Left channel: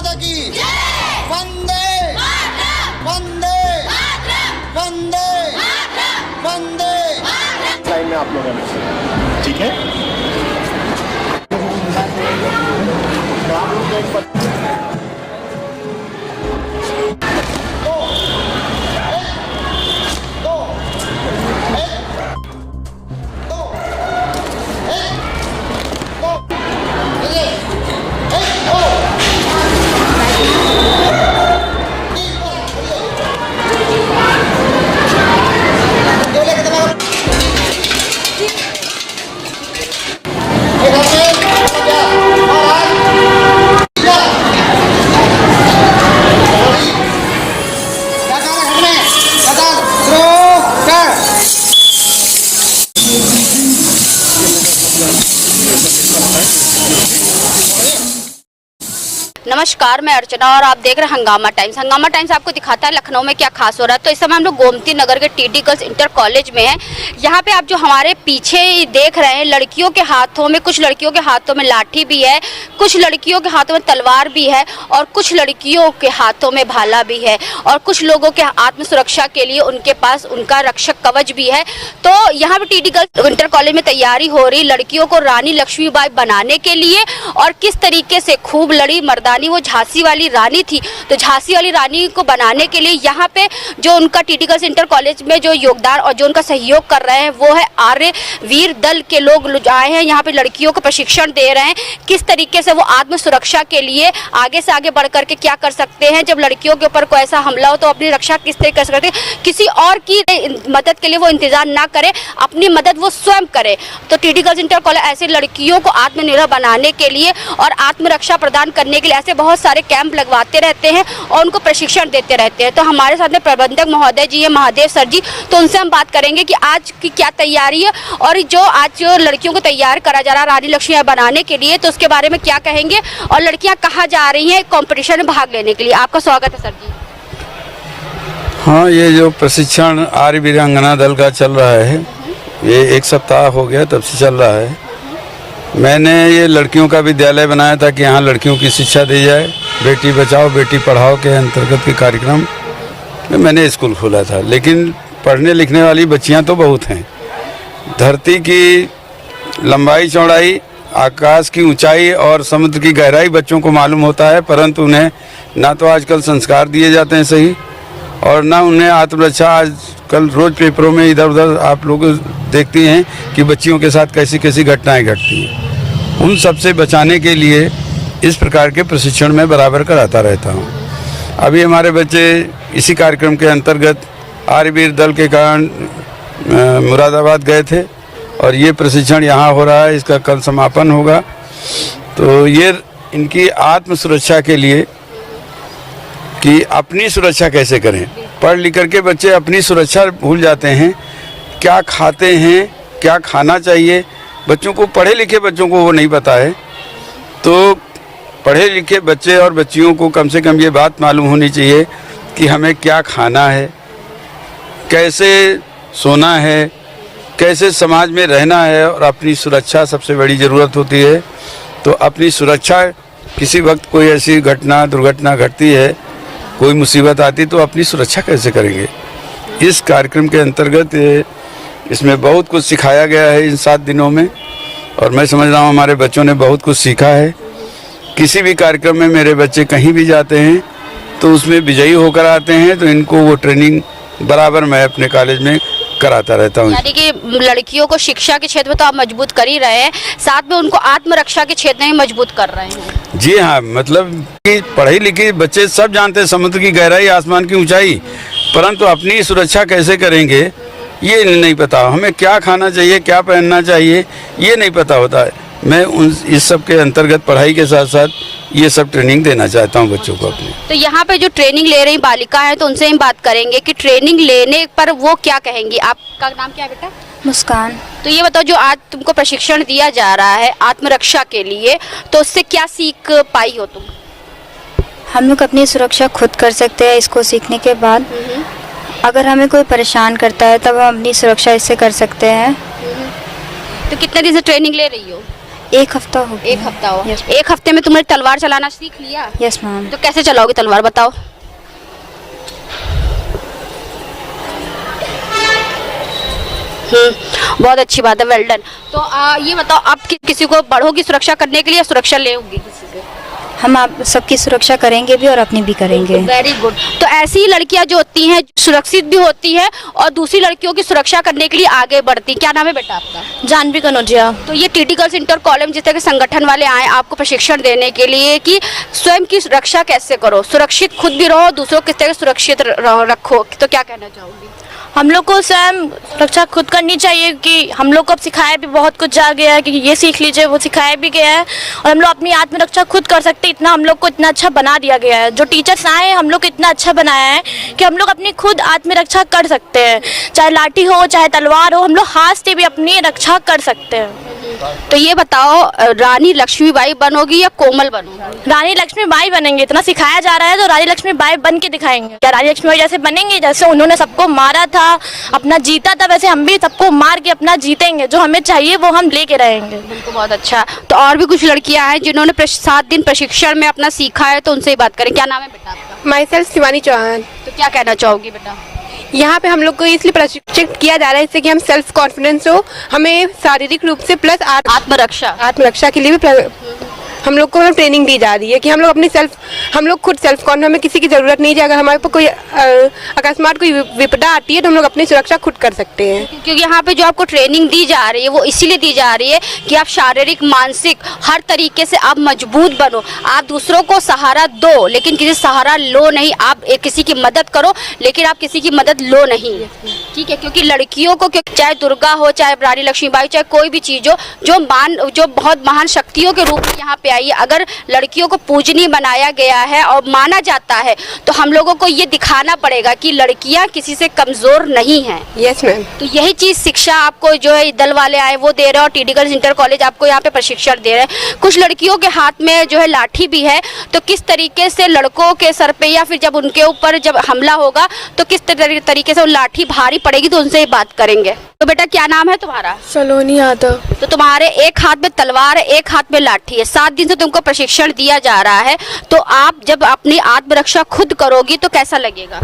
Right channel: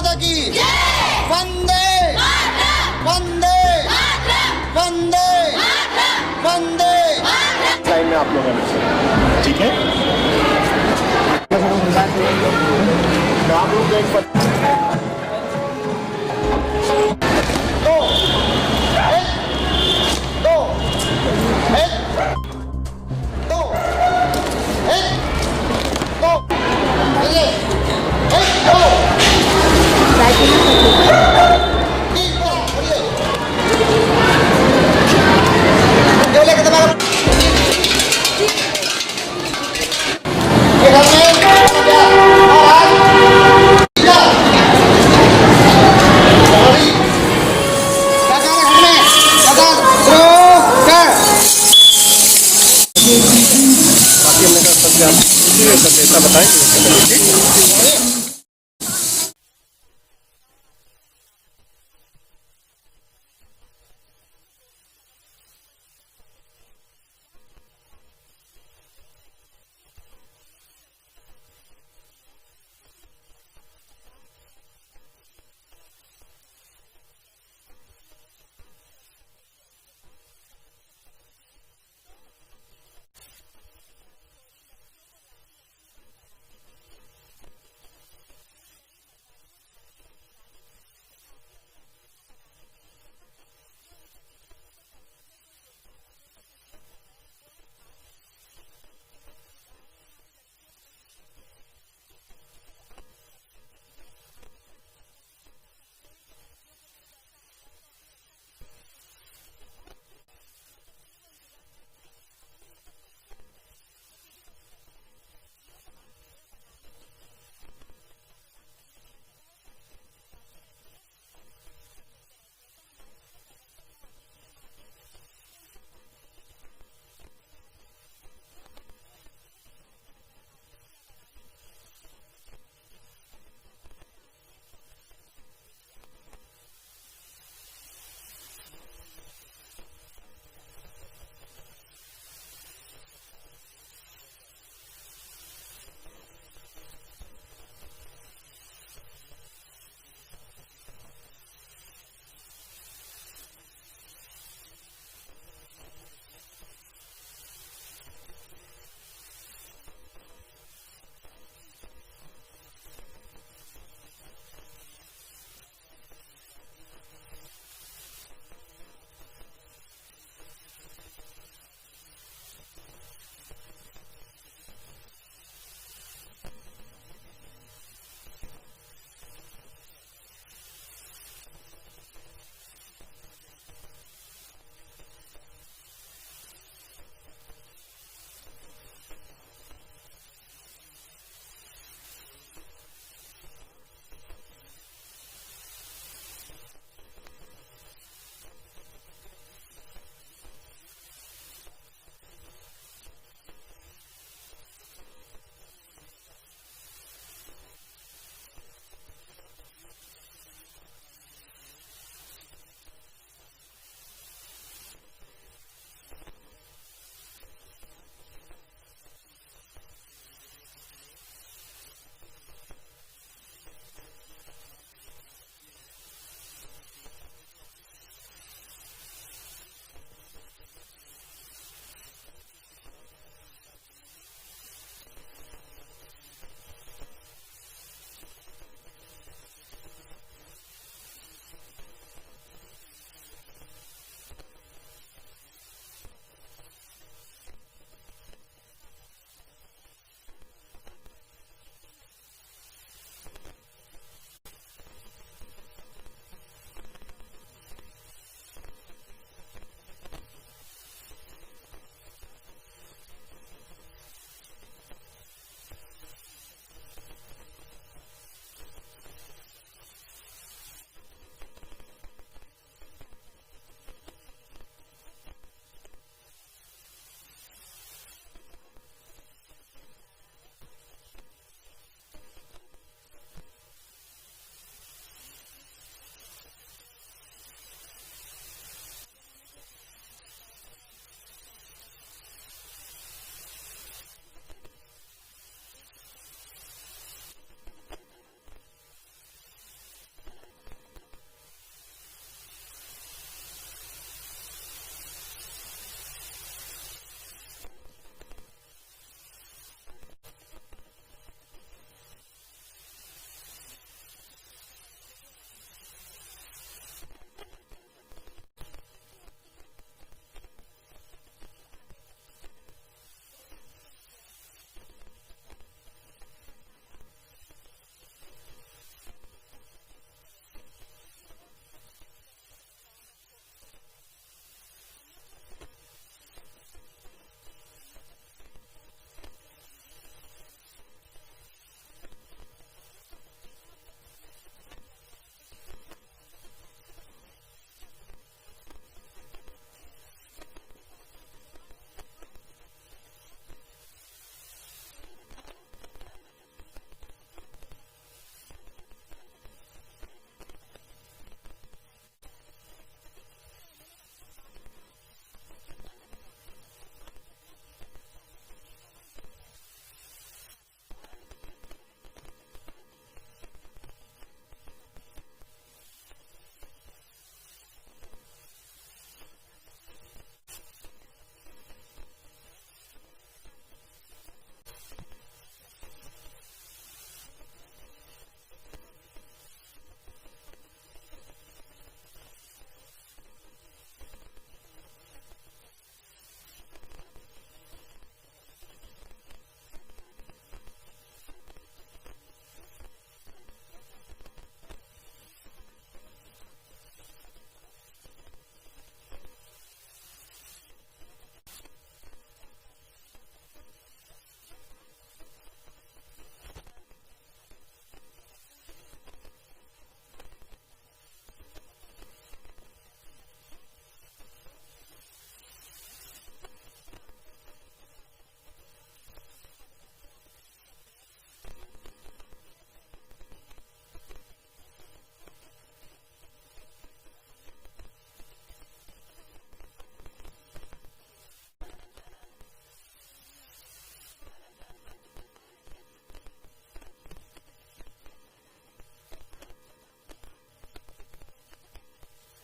माता की वंदे वंदे वंदे वंदे। लाइन में आप लोग हैं, ठीक है? तो आप लोग एक नमस्कार, मैं अर्चना और आप देख रहे हैं हंगामा टाइम्स। हंगामा टाइम्स आपको दिखाता है लखनऊ में क्या खास हो रहा है। तो इस समय हम लोग गोमती नगर के टीडी गर्ल्स इंटर कॉलेज में हैं। यहाँ पे आप जो हमारे पीछे देख रहे हैं, लड़कियों के हाथों में, कुछ लड़कियों के हाथों में लाठी भी है, कुछ लड़कियों के हाथों में तलवार भी है और कुछ लड़कियों के हाथों में भाला भी है और कुछ लोगों के आत्म सुरक्षा के लिए उनके पास उनका रक्षक कवच भी है। तो यहाँ पे टीडी गर्ल्स इंटर कॉलेज में तैयारी हो रही लड़कियों को रानी लक्ष्मीबाई बनाने के लिए, और किस तरीके से खूब लड़ी मर्दानी, वो झांसी वाली रानी थी, तो झांसी वाली रानी को बनाने के लिए यहाँ पे जो उनका टीडी गर्ल्स इंटर कॉलेज में जो योगदान और जो उनका सहयोग कर रहे हैं वो है आर्य वीर दल के लोग आए हैं। यहाँ पे लड़कियों को प्रशिक्षण दे रहे हैं किस तरीके से वो आत्म सुरक्षा के लिए आगे से आगे बढ़ करके क्या कर सकते हैं। जब लड़कियों के ऊपर कोई ऐसा हमला हो तो अपनी रक्षा किस तरीके कर सकते हैं, किसी और की मदद के लिए वो इंतजार ना करे, अपनी मदद वो स्वयं करे। तो टीडी गर्ल्स इंटर कॉलेज ऐसे लड़कियों को आत्मनिर्भर बनाने के लिए और आत्मरक्षा प्रदान करने के लिए ऐसे बहुत सारे कैंप लगवाते रहते हैं और उनको प्रशिक्षण देते रहते हैं। तो हमारे साथ में प्रबंधक महोदय जी है, महादेव सर जी, तो उनसे हम बात करेंगे कि आज की क्या तैयारी है और जो आज लड़कियों को तैयार करा जा रहा है रानी लक्ष्मीबाई बनाने के लिए, तो उसके बारे में क्या कहेंगे और लड़कियां कहाँ जा रही हैं कॉम्पिटिशन में भाग लेने के लिए। आपका स्वागत है सर जी। हाँ, ये जो प्रशिक्षण आर्य वीरांगना दल का चल रहा है, ये 1 सप्ताह हो गया तब से चल रहा है। मैंने ये लड़कियों का विद्यालय बनाया था कि यहाँ लड़कियों की शिक्षा दी जाए। बेटी बचाओ बेटी पढ़ाओ के अंतर्गत के कार्यक्रम में मैंने स्कूल खोला था। लेकिन पढ़ने लिखने वाली बच्चियाँ तो बहुत हैं। धरती की लंबाई चौड़ाई, आकाश की ऊंचाई और समुद्र की गहराई बच्चों को मालूम होता है, परंतु उन्हें ना तो आजकल संस्कार दिए जाते हैं सही, और ना उन्हें आत्मरक्षा। आजकल रोज़ पेपरों में इधर उधर आप लोग देखती हैं कि बच्चियों के साथ कैसी कैसी घटनाएं घटती हैं। उन सब से बचाने के लिए इस प्रकार के प्रशिक्षण में बराबर कराता रहता हूँ। अभी हमारे बच्चे इसी कार्यक्रम के अंतर्गत आर्यवीर दल के कारण मुरादाबाद गए थे और ये प्रशिक्षण यहाँ हो रहा है। इसका कल समापन होगा। तो ये इनकी आत्म सुरक्षा के लिए कि अपनी सुरक्षा कैसे करें। पढ़ लिख करके बच्चे अपनी सुरक्षा भूल जाते हैं, क्या खाते हैं, क्या खाना चाहिए। बच्चों को, पढ़े लिखे बच्चों को वो नहीं पता है। तो पढ़े लिखे बच्चे और बच्चियों को कम से कम ये बात मालूम होनी चाहिए कि हमें क्या खाना है, कैसे सोना है, कैसे समाज में रहना है, और अपनी सुरक्षा सबसे बड़ी ज़रूरत होती है। तो अपनी सुरक्षा, किसी वक्त कोई ऐसी घटना दुर्घटना घटती है, कोई मुसीबत आती, तो अपनी सुरक्षा कैसे करेंगे। इस कार्यक्रम के अंतर्गत इसमें बहुत कुछ सिखाया गया है इन 7 दिनों में, और मैं समझ रहा हूँ हमारे बच्चों ने बहुत कुछ सीखा है। किसी भी कार्यक्रम में मेरे बच्चे कहीं भी जाते हैं तो उसमें विजयी होकर आते हैं। तो इनको वो ट्रेनिंग बराबर मैं अपने कॉलेज में कराता रहता हूँ। यानी कि लड़कियों को शिक्षा के क्षेत्र में तो आप मजबूत कर ही रहे हैं, साथ में उनको आत्मरक्षा के क्षेत्र में मजबूत कर रहे हैं। जी हाँ, मतलब कि पढ़े लिखे बच्चे सब जानते हैं समुद्र की गहराई, आसमान की ऊंचाई, परंतु अपनी सुरक्षा कैसे करेंगे ये नहीं पता। हमें क्या खाना चाहिए, क्या पहनना चाहिए, ये नहीं पता होता है। मैं इस सब के अंतर्गत पढ़ाई के साथ साथ ये सब ट्रेनिंग देना चाहता हूँ बच्चों को अपने। तो यहाँ पे जो ट्रेनिंग ले रही बालिका है, तो उनसे हम बात करेंगे कि ट्रेनिंग लेने पर वो क्या कहेंगी। आपका नाम क्या है बेटा? मुस्कान। तो ये बताओ, जो आज तुमको प्रशिक्षण दिया जा रहा है आत्मरक्षा के लिए, तो उससे क्या सीख पाई हो तुम? हम लोग अपनी सुरक्षा खुद कर सकते हैं इसको सीखने के बाद। अगर हमें कोई परेशान करता है तब हम अपनी सुरक्षा इससे कर सकते हैं। तो कितने दिन से ट्रेनिंग ले रही हो? 1 हफ्ता हो गया। 1 हफ्ता हो। Yes. 1 हफ्ते में तुमने तलवार चलाना सीख लिया? Yes ma'am. तो कैसे चलाओगे तलवार, बताओ? बहुत अच्छी बात है, वेल डन। तो ये बताओ, आप किसी को बड़ों की सुरक्षा करने के लिए सुरक्षा ले होगी किसी से? हम आप सबकी सुरक्षा करेंगे भी और अपनी भी करेंगे। Very good. तो ऐसी ही लड़कियां जो होती हैं सुरक्षित भी होती हैं और दूसरी लड़कियों की सुरक्षा करने के लिए आगे बढ़ती। क्या नाम है बेटा आपका? जानवी कनौजिया। तो ये टीटी गर्ल्स इंटर कॉलेज जिस तरह के संगठन वाले आए आपको प्रशिक्षण देने के लिए कि स्वयं की रक्षा कैसे करो, सुरक्षित खुद भी रहो, दूसरों को किस तरह सुरक्षित रखो, तो क्या कहना चाहोगी? हम लोग को स्वयं रक्षा खुद करनी चाहिए कि हम लोग को अब सिखाया भी बहुत कुछ जा गया है कि ये सीख लीजिए, वो सिखाया भी गया है और हम लोग अपनी आत्मरक्षा खुद कर सकते हैं। इतना हम लोग को इतना अच्छा बना दिया गया है, जो टीचर्स आए हैं हम लोग को इतना अच्छा बनाया है कि हम लोग अपनी खुद आत्मरक्षा कर सकते हैं। चाहे लाठी हो चाहे तलवार हो, हम लोग हाथ से भी अपनी रक्षा कर सकते हैं। तो ये बताओ, रानी लक्ष्मीबाई बनोगी या कोमल बनोगी? रानी लक्ष्मीबाई बनेंगे, इतना सिखाया जा रहा है तो रानी लक्ष्मीबाई बन के दिखाएंगे। क्या रानी लक्ष्मीबाई जैसे बनेंगे, जैसे उन्होंने सबको मारा था, अपना जीता था, वैसे हम भी सबको मार के अपना जीतेंगे। जो हमें चाहिए वो हम लेके रहेंगे। बिल्कुल, बहुत अच्छा। तो और भी कुछ लड़कियां हैं जिन्होंने 7 दिन प्रशिक्षण में अपना सीखा है, तो उनसे ही बात करें। क्या नाम है बेटा आपका? Myself Shivani Chauhan. तो क्या कहना चाहोगी बेटा? यहाँ पे हम लोग को इसलिए प्रशिक्षित किया जा रहा है इससे कि हम सेल्फ कॉन्फिडेंस हो, हमें शारीरिक रूप से प्लस आत्मरक्षा के लिए भी हम लोग को ट्रेनिंग दी जा रही है कि हम लोग हम लोग खुद सेल्फ कॉन्फिडेंस, हमें किसी की ज़रूरत नहीं है। अगर हमारे पर कोई अकस्मात कोई विपदा आती है तो हम लोग अपनी सुरक्षा खुद कर सकते हैं। क्योंकि यहाँ पे जो आपको ट्रेनिंग दी जा रही है वो इसीलिए दी जा रही है कि आप शारीरिक मानसिक हर तरीके से आप मजबूत बनो, आप दूसरों को सहारा दो लेकिन किसी सहारा लो नहीं। आप किसी की मदद करो लेकिन आप किसी की मदद लो नहीं, ठीक है? क्योंकि लड़कियों को, चाहे दुर्गा हो चाहे रानी लक्ष्मीबाई, चाहे कोई भी चीज़ हो जो बहुत महान शक्तियों के रूप में यहाँ पे आई है, अगर लड़कियों को पूजनीय बनाया गया है और माना जाता है तो हम लोगों को ये दिखाना पड़ेगा कि लड़कियां किसी से कमजोर नहीं हैं। Yes ma'am. तो यही चीज शिक्षा आपको जो है दल वाले आए वो दे रहे हैं और टीटी गर्ल्स इंटर कॉलेज आपको यहाँ पे प्रशिक्षण दे रहे हैं। कुछ लड़कियों के हाथ में जो है लाठी भी है, तो किस तरीके से लड़कों के सर पे या फिर जब उनके ऊपर जब हमला होगा तो किस तरीके से वो लाठी भारी पड़ेगी, तो उनसे ही बात करेंगे। तो बेटा क्या नाम है तुम्हारा? सलोनी यादव। तो तुम्हारे एक हाथ में तलवार है, एक हाथ में लाठी है, 7 दिन से तुमको प्रशिक्षण दिया जा रहा है, तो आप जब अपनी आत्मरक्षा खुद करोगी तो कैसा लगेगा?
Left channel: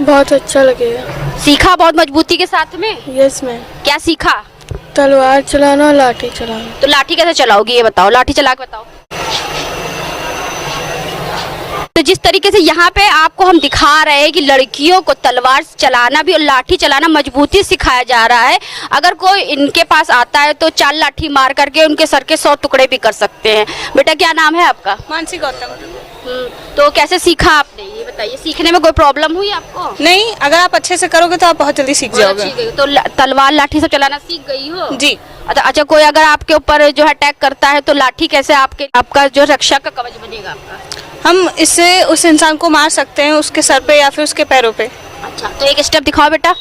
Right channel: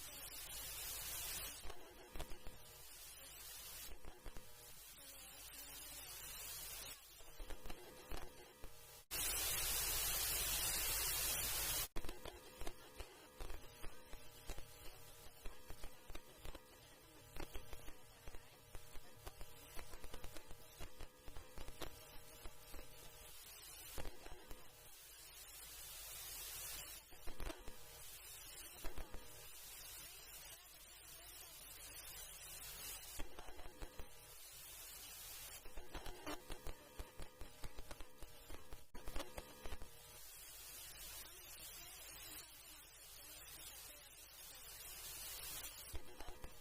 बहुत अच्छा लगेगा। सीखा बहुत मजबूती के साथ में? Yes ma'am. क्या सीखा? तलवार चलाना, लाठी चलाना। तो लाठी कैसे चलाओगी ये बताओ, लाठी चला के बताओ। तो जिस तरीके से यहाँ पे आपको हम दिखा रहे हैं कि लड़कियों को तलवार चलाना भी और लाठी चलाना मजबूती सिखाया जा रहा है। अगर कोई इनके पास आता है तो 4 लाठी मार करके उनके सर के 100 टुकड़े भी कर सकते हैं। बेटा क्या नाम है आपका? मानसी गौतम। तो कैसे सीखा आपने ये बताइए? सीखने में कोई प्रॉब्लम हुई आपको? नहीं, अगर आप अच्छे से करोगे तो आप बहुत जल्दी सीख जाओगे। तो तलवार लाठी सब चलाना सीख गई हो? जी। अच्छा, कोई अगर आपके ऊपर जो है अटैक करता है तो लाठी कैसे आपका जो रक्षा का कवच बनेगा आपका? हम इससे उस इंसान को मार सकते हैं, उसके सर पे या फिर उसके पैरों पे। अच्छा, तो एक स्टेप दिखाओ बेटा।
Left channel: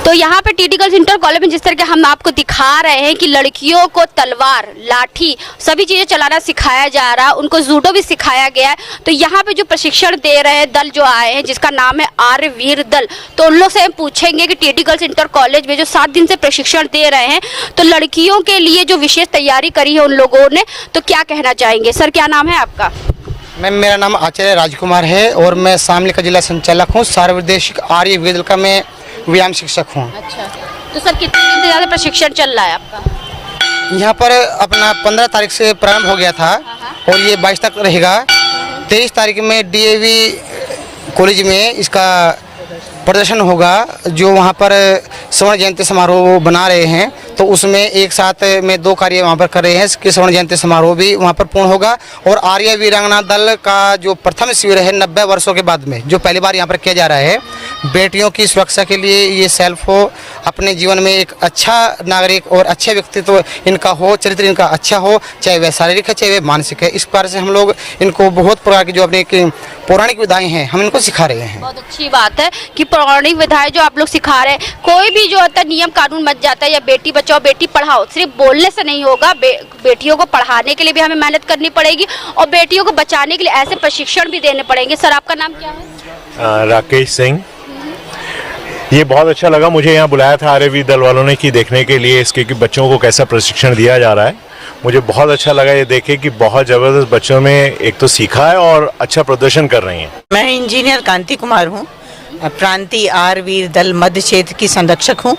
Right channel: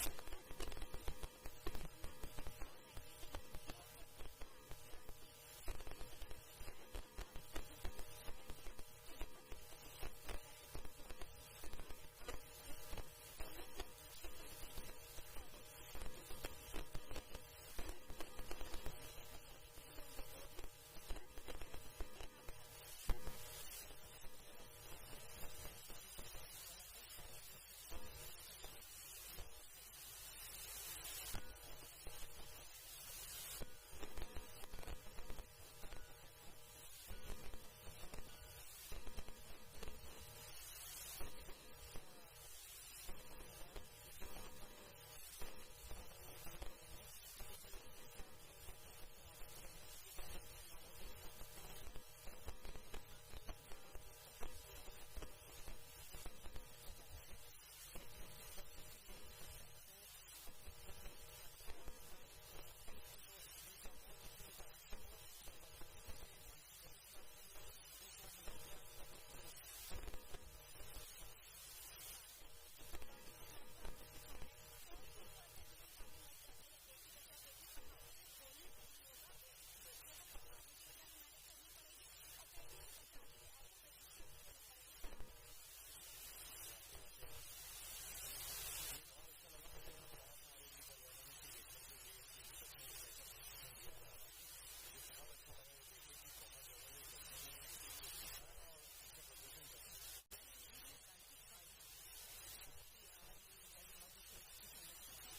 तो यहाँ पे टीटी गर्ल्स इंटर कॉलेज में जिस तरह के हम आपको दिखा रहे हैं कि लड़कियों को तलवार लाठी सभी चीज़ें चलाना सिखाया जा रहा है, उनको जूडो भी सिखाया गया है। तो यहाँ पे जो प्रशिक्षण दे रहे हैं दल जो आए हैं जिसका नाम है आर्य वीर दल, तो उन लोग से हम पूछेंगे कि टीटी गर्ल्स इंटर कॉलेज में जो 7 दिन से प्रशिक्षण दे रहे हैं तो लड़कियों के लिए जो विशेष तैयारी करी है उन लोगों ने, तो क्या कहना चाहेंगे? सर क्या नाम है आपका? मैम मेरा नाम आचार्य राजकुमार है और मैं शामली का जिला संचालक हूँ। सार्वदेशिक आर्य वीर दल का मैं व्यायाम शिक्षक हूँ। अच्छा, तो सर कितने दिन से ज़्यादा प्रशिक्षण चल रहा है आपका? यहाँ पर अपना 15 तारीख से प्रारंभ हो गया था और ये 22 तक रहेगा। 23 तारीख में डीएवी कॉलेज में इसका प्रदर्शन होगा, जो वहाँ पर स्वर्ण जयंती समारोह बना रहे हैं, तो उसमें एक साथ में 2 कार्य वहाँ पर कर रहे हैं कि स्वर्ण जयंती समारोह भी वहाँ पर पूर्ण होगा। और आर्य वीरांगना दल का जो प्रथम शिविर है 90 वर्षों के बाद में जो पहली बार यहाँ पर किया जा रहा है, बेटियों की सुरक्षा के लिए ये सेल्फ हो, अपने जीवन में एक अच्छा नागरिक और अच्छे व्यक्तित्व इनका हो, चरित्र इनका अच्छा हो, चाहे वह शारीरिक है चाहे वह मानसिक है। इस प्रकार से हम लोग इनको बहुत प्रकार की जो अपने पौराणिक विधाएं हैं हम इनको सिखा रहे हैं। बहुत अच्छी बात है कि पौराणिक विधाएं जो आप लोग सिखा रहे हैं। कोई भी जो होता है नियम कानून बच जाता है, या बेटी बचाओ बेटी पढ़ाओ सिर्फ बोलने से नहीं होगा, बेटियों को पढ़ाने के लिए भी हमें मेहनत करनी पड़ेगी और बेटियों को बचाने के लिए ऐसे प्रशिक्षण भी देने पड़ेंगे। सर आपका नाम क्या है? राकेश सिंह। ये बहुत अच्छा लगा, मुझे यहाँ बुलाया था आर्यवीर दल वालों ने कि देखने के लिए इसके कि बच्चों को कैसा प्रशिक्षण दिया जा रहा है। मुझे बहुत अच्छा लगा ये देखे कि बहुत ज़बरदस्त बच्चों में एक तो सीखा है और अच्छा प्रदर्शन कर रही हैं। मैं इंजीनियर कांति कुमार हूँ, प्रांतीय आर्यवीर दल मध्य क्षेत्र की संरक्षक हूँ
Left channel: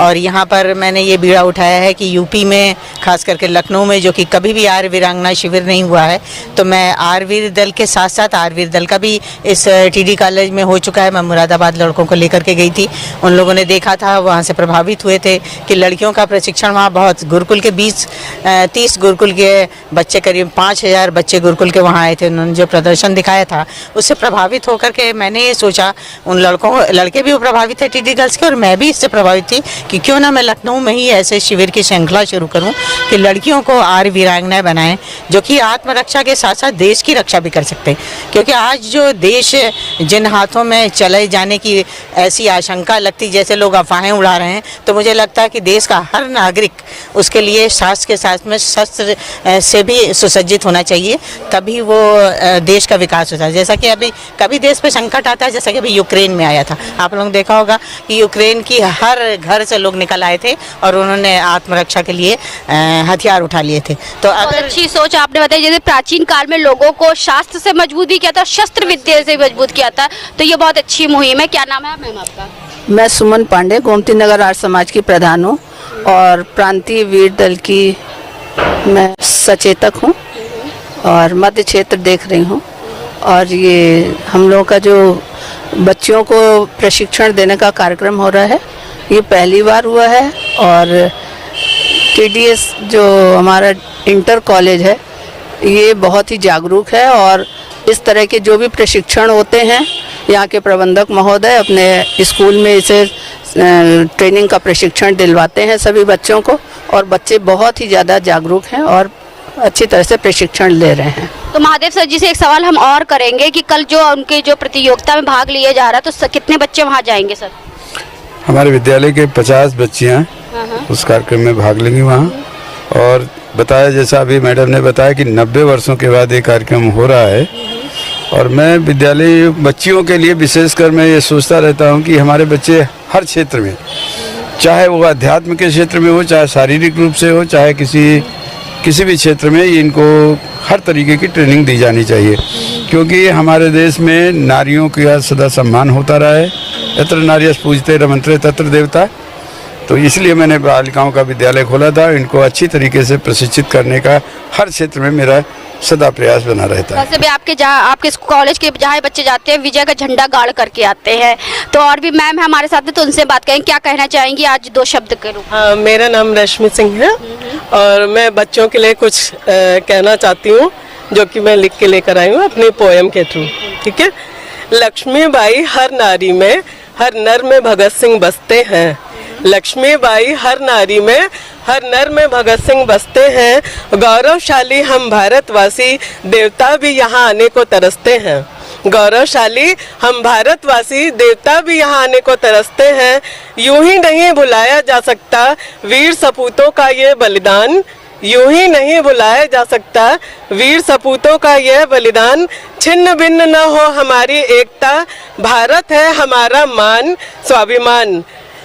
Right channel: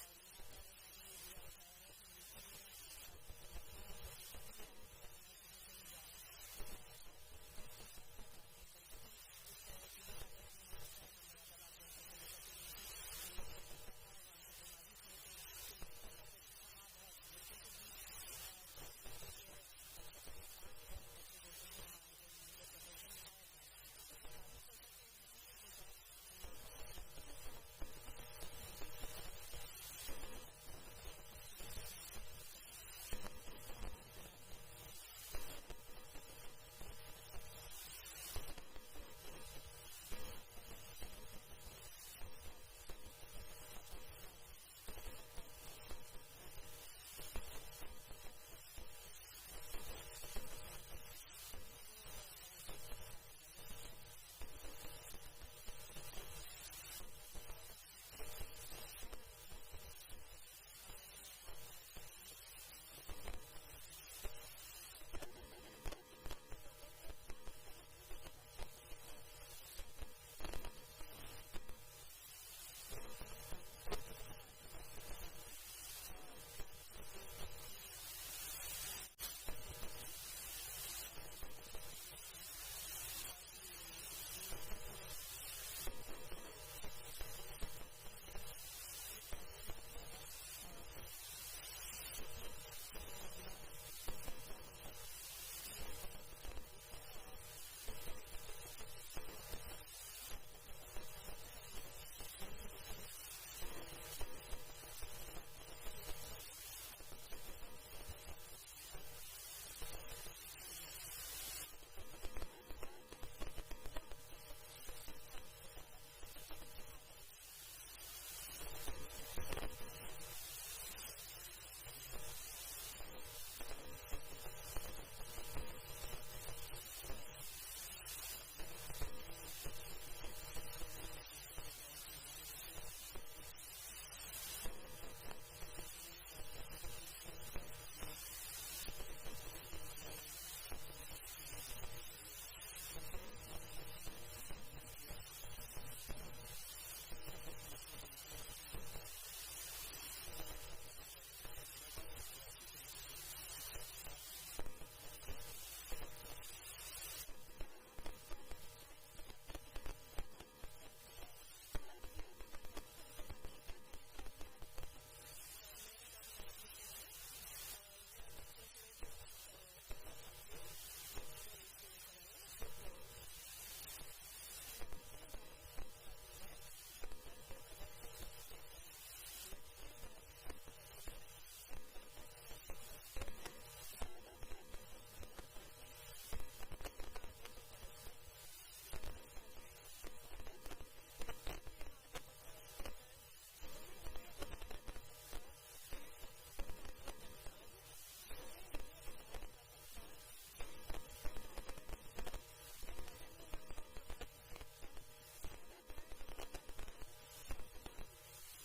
और यहाँ पर मैंने ये बीड़ा उठाया है कि यूपी में खास करके लखनऊ में जो कि कभी भी आर्य वीरांगना शिविर नहीं हुआ है, तो मैं आर्यवीर दल के साथ साथ आर्यवीर दल का भी इस टीडी कॉलेज में हो चुका है। मैं मुरादाबाद लड़कों को लेकर के गई थी, उन लोगों ने देखा था, वहाँ से प्रभावित हुए थे कि लड़कियों का प्रशिक्षण वहाँ बहुत, गुरुकुल के 20-30 गुरुकुल के बच्चे, करीब 5000 बच्चे गुरुकुल के वहाँ आए थे। उन्होंने जो प्रदर्शन दिखाया था उससे प्रभावित होकर के मैंने ये सोचा, उन लड़के भी प्रभावित थे टीडी गर्ल्स के और मैं भी इससे प्रभावित थी कि क्यों ना मैं लखनऊ में ही ऐसे शिविर की श्रृंखला शुरू करूं कि लड़कियों को आर्य वीरांगनाएं बनाएं जो कि आत्मरक्षा के साथ साथ देश की रक्षा भी कर सकते हैं। क्योंकि आज जो देश जिन हाथों में चले जाने की ऐसी आशंका लगती, जैसे लोग अफवाहें उड़ा रहे हैं, तो मुझे लगता है कि देश का हर नागरिक उसके लिए शास्त्र के साथ में शस्त्र से भी सुसज्जित होना चाहिए, तभी वो देश का विकास होता है। जैसा कि अभी कभी देश पे संकट आता है, जैसा कि अभी यूक्रेन में आया था, आप लोगों ने देखा होगा कि यूक्रेन की हर घर से लोग निकल आए थे और उन्होंने आत्मरक्षा के लिए हथियार उठा लिए थे। तो अगर अच्छी सोच आपने बताई, जैसे प्राचीन काल में लोगों को शास्त्र से मजबूत भी किया था, शस्त्र विद्या से मजबूत किया था, तो ये बहुत अच्छी मुहिम है। क्या नाम है मैम आपका? मैं सुमन पांडे, गोमती नगर आर्य समाज की प्रधान हूँ और प्रांतीय वीर दल की मैं सचेतक हूँ और मध्य क्षेत्र देख रही हूँ। और ये हम लोगों का जो बच्चियों को प्रशिक्षण देने का कार्यक्रम हो रहा है, ये पहली बार हुआ है। और टीडीएस जो हमारा इंटर कॉलेज है, ये बहुत ही जागरूक है और इस तरह के जो भी प्रशिक्षण होते हैं, यहाँ के प्रबंधक महोदय अपने स्कूल में इसे ट्रेनिंग का प्रशिक्षण दिलवाते हैं सभी बच्चों को, और बच्चे बहुत ही ज़्यादा जागरूक हैं और अच्छी तरह से प्रशिक्षण ले रहे हैं। तो महादेव सर जी से एक सवाल हम और करेंगे कि कल जो उनके जो प्रतियोगिता में भाग लिया जा रहा है, तो कितने बच्चे वहाँ जाएंगे सर? हमारे विद्यालय के 50 बच्चियाँ उस कार्यक्रम में भाग लेंगी वहाँ। और बताया, जैसा अभी मैडम ने बताया कि 90 वर्षों के बाद ये कार्यक्रम हो रहा है, और मैं विद्यालय बच्चियों के लिए विशेषकर मैं ये सोचता रहता हूँ कि हमारे बच्चे हर क्षेत्र में, चाहे वो अध्यात्म के क्षेत्र में हो, चाहे शारीरिक रूप से हो, चाहे किसी भी क्षेत्र में, इनको हर तरीके की ट्रेनिंग दी जानी चाहिए। क्योंकि हमारे देश में नारियों का सदा सम्मान होता रहा है, यत्र नार्यः पूजते रमन्ते तत्र देवता। तो इसलिए मैंने बालिकाओं का विद्यालय खोला था। इनको अच्छी तरीके से प्रशिक्षित करने का हर क्षेत्र में मेरा सदा प्रयास बना रहता है। वैसे भी आपके कॉलेज के जहाँ बच्चे जाते हैं, विजय का झंडा गाड़ करके आते हैं। तो और भी मैम है हमारे साथ में, तो उनसे बात करेंगे, क्या कहना चाहेंगी आज 2 शब्द के रूप? हाँ, मेरा नाम रश्मि सिंह है और मैं बच्चों के लिए कुछ कहना चाहती हूँ, जो कि मैं लिख के लेकर आई हूँ अपनी पोएम के थ्रू। ठीक है। लक्ष्मीबाई हर नारी में, हर नर में भगत सिंह बसते हैं। लक्ष्मीबाई हर नारी में, हर नर में भगत सिंह बसते हैं। गौरवशाली हम भारतवासी, देवता भी यहाँ आने को तरसते हैं। गौरवशाली हम भारतवासी, देवता भी यहाँ आने को तरसते हैं। यूं ही नहीं भुलाया जा सकता वीर सपूतों का ये बलिदान। यूं ही नहीं भुलाया जा सकता वीर सपूतों का यह बलिदान। छिन्न भिन्न न हो हमारी एकता, भारत है हमारा मान स्वाभिमान।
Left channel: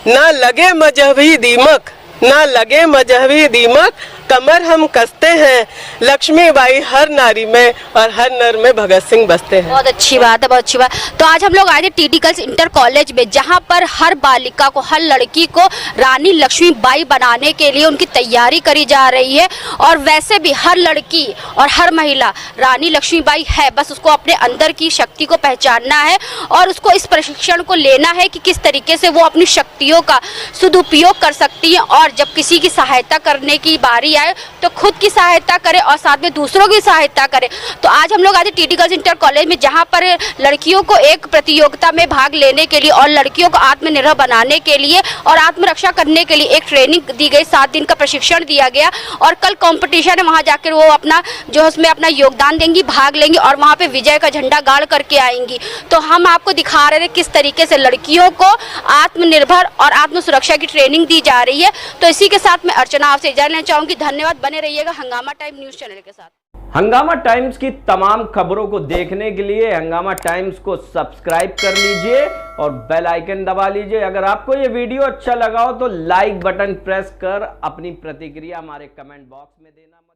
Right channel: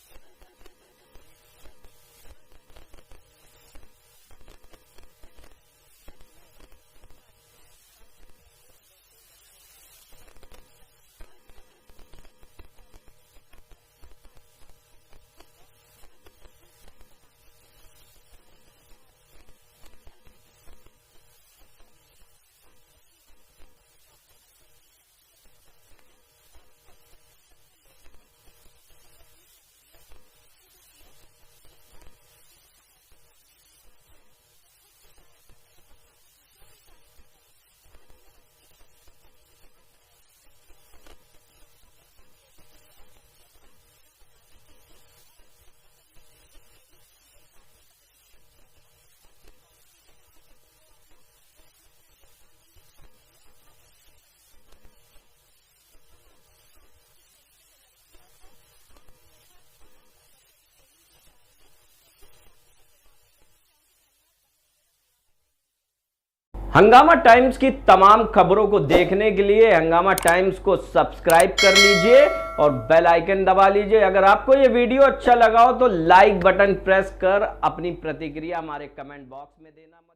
ना लगे मजहबी दीमक, ना लगे मजहबी दीमक, कमर हम कसते हैं। लक्ष्मीबाई हर नारी में और हर नर में भगत सिंह बसते हैं। बहुत अच्छी बात है, बहुत अच्छी बात। तो आज हम लोग आए थे टीडी गर्ल्स इंटर कॉलेज में, जहां पर हर बालिका को, हर लड़की को रानी लक्ष्मीबाई बनाने के लिए उनकी तैयारी करी जा रही है। और वैसे भी हर लड़की और हर महिला रानी लक्ष्मीबाई है, बस उसको अपने अंदर की शक्ति को पहचानना है और उसको इस प्रशिक्षण को लेना है कि किस तरीके से वो अपनी शक्तियों का सदुपयोग कर सकती है। और जब किसी की सहायता करने की बारी आए तो खुद की सहायता करे और साथ में दूसरों की सहायता करे। तो आज हम लोग आए टीडी गर्ल्स इंटर कॉलेज में, जहां पर लड़कियों को एक प्रतियोगिता में भाग लेने के लिए और लड़कियों को आत्मनिर्भर बनाने के लिए और आत्मरक्षा करने के लिए एक ट्रेनिंग दी गई, 7 दिन का प्रशिक्षण दिया गया। और कल कंपटीशन है, वहां जाकर वो अपना जो उसमें अपना योगदान देंगी, भाग लेंगी और वहां पे विजय का झंडा गाड़ करके आएंगी। तो हम आपको दिखा रहे थे किस तरीके से लड़कियों को आत्मनिर्भर और आत्म सुरक्षा की ट्रेनिंग दी जा रही है। तो इसी के साथ मैं अर्चना आपसे इजाजत लेना चाहूंगी। धन्यवाद, बने रहिएगा हंगामा टाइम न्यूज़ चैनल के साथ। हंगामा टाइम्स की तमाम खबरों को देखने के लिए हंगामा टाइम्स को सब्सक्राइब कर लीजिए और बेल आइकन दबा लीजिए। अगर आपको ये वीडियो अच्छा लगा हो तो लाइक बटन प्रेस कर अपनी प्रतिक्रिया हमारे कमेंट बॉक्स में देना मत